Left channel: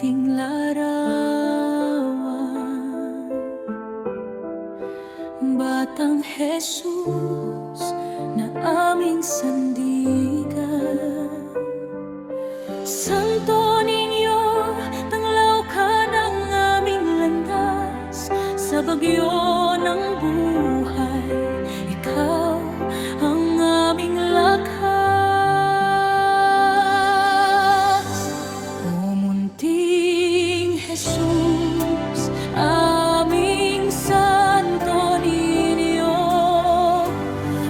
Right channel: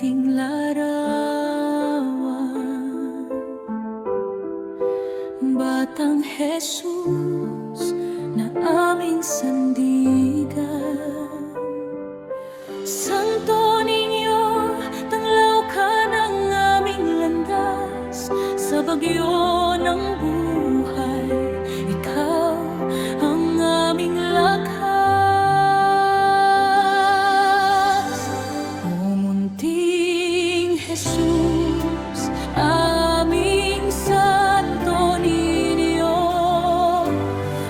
ating larawan. Batang Jesus na aming sandigan, Santo Niño, tanglaw ka ng aming landas. Sa bagyo ng buhay, ikaw ang aming lakas. O munting Jesus, aming Santo Niño,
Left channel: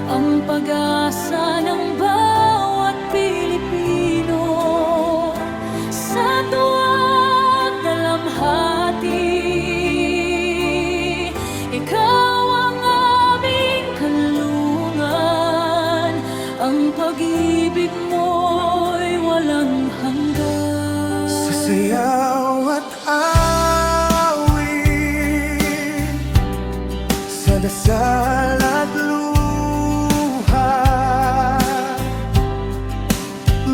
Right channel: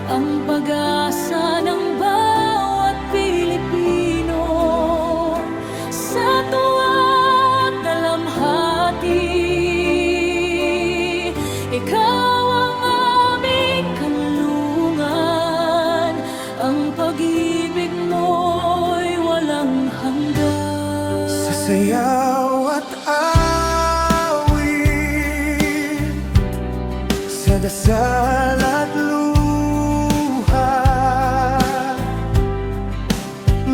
ang pag-asa ng bawat Pilipino. Sa tuwa't dalamhati, ikaw ang aming kanlungan. Ang pag-ibig mo'y walang hanggan. Sa sayaw at awit, sa dasal at luha,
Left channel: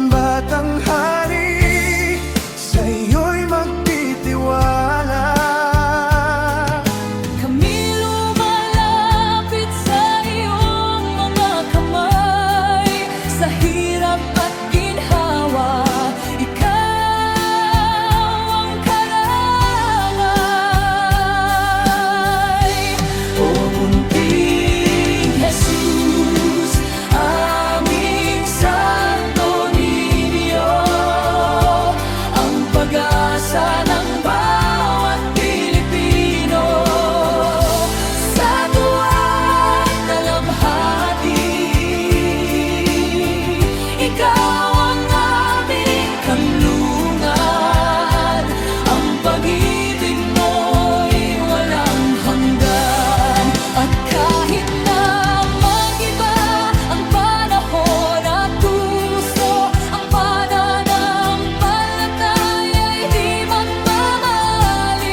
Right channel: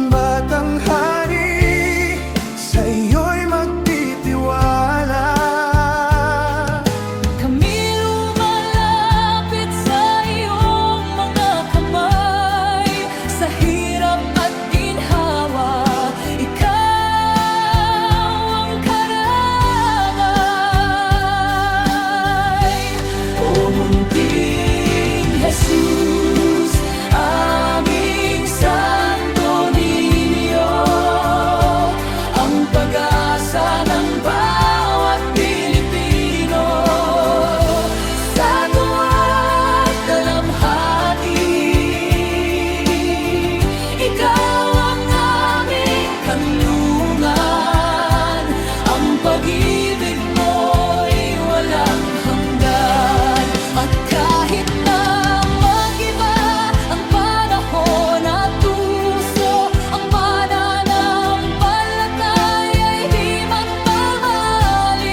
Batang Hari, sa iyo'y magtitiwala. Kami lumalapit sa iyong mga kamay. Sa hirap at ginhawa, ikaw ang karamay. O munting Jesus, aming Santo Niño, ang pag-asa ng bawat Pilipino. Sa tuwa't dalamhati, ikaw ang aming kanlungan. Ang pag-ibig mo'y walang hanggan. At kahit na mag-iba ang panahon at gusto, ang pananampalataya'y di magmamaliw.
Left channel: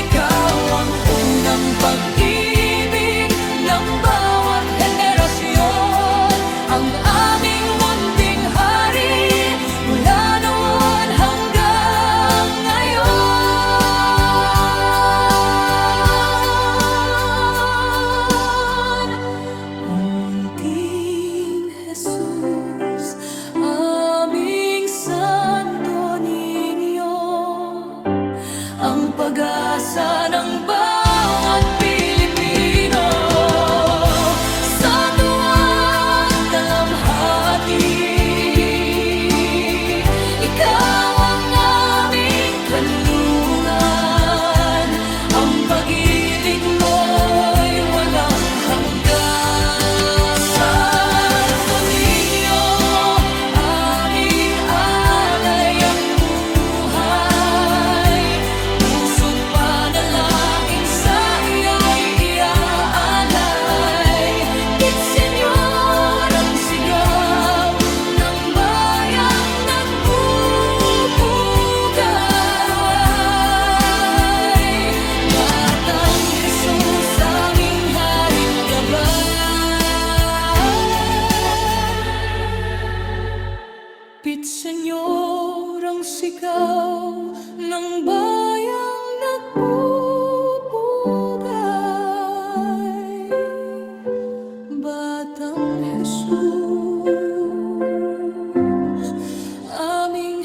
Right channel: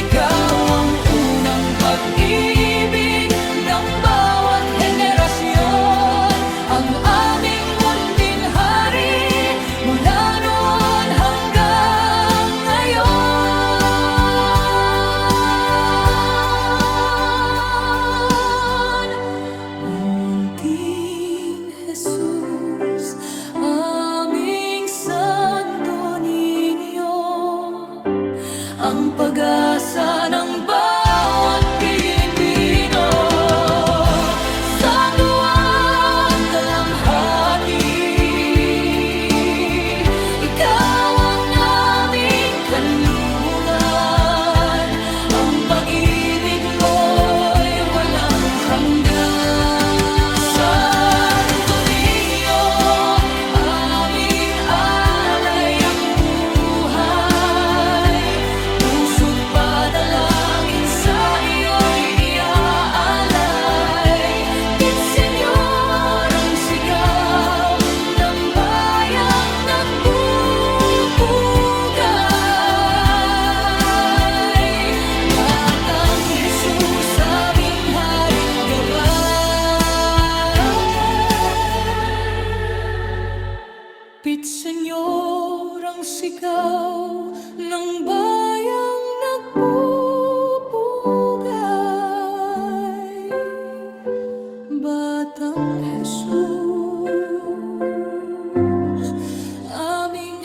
Ikaw ang unang pag-ibig ng bawat henerasyon, ang aming munting hari mula noon hanggang ngayon. Munting Jesus, aming Santo Niño, ang pag-asa ng bawat Pilipino. Sa tuwa't dalamhati, ikaw ang aming kanlungan. Ang pag-ibig mo'y walang hanggan. Santo Niño, aming alay ang buhay. Puso't panalangin sa iyo'y iaalay. Señor, ang sigaw ng bayang nagpupugay. Batang Jesus, aming hari't gabay. Señor, ang sigaw ng bayang nagpupugay. Batang Jesus, aming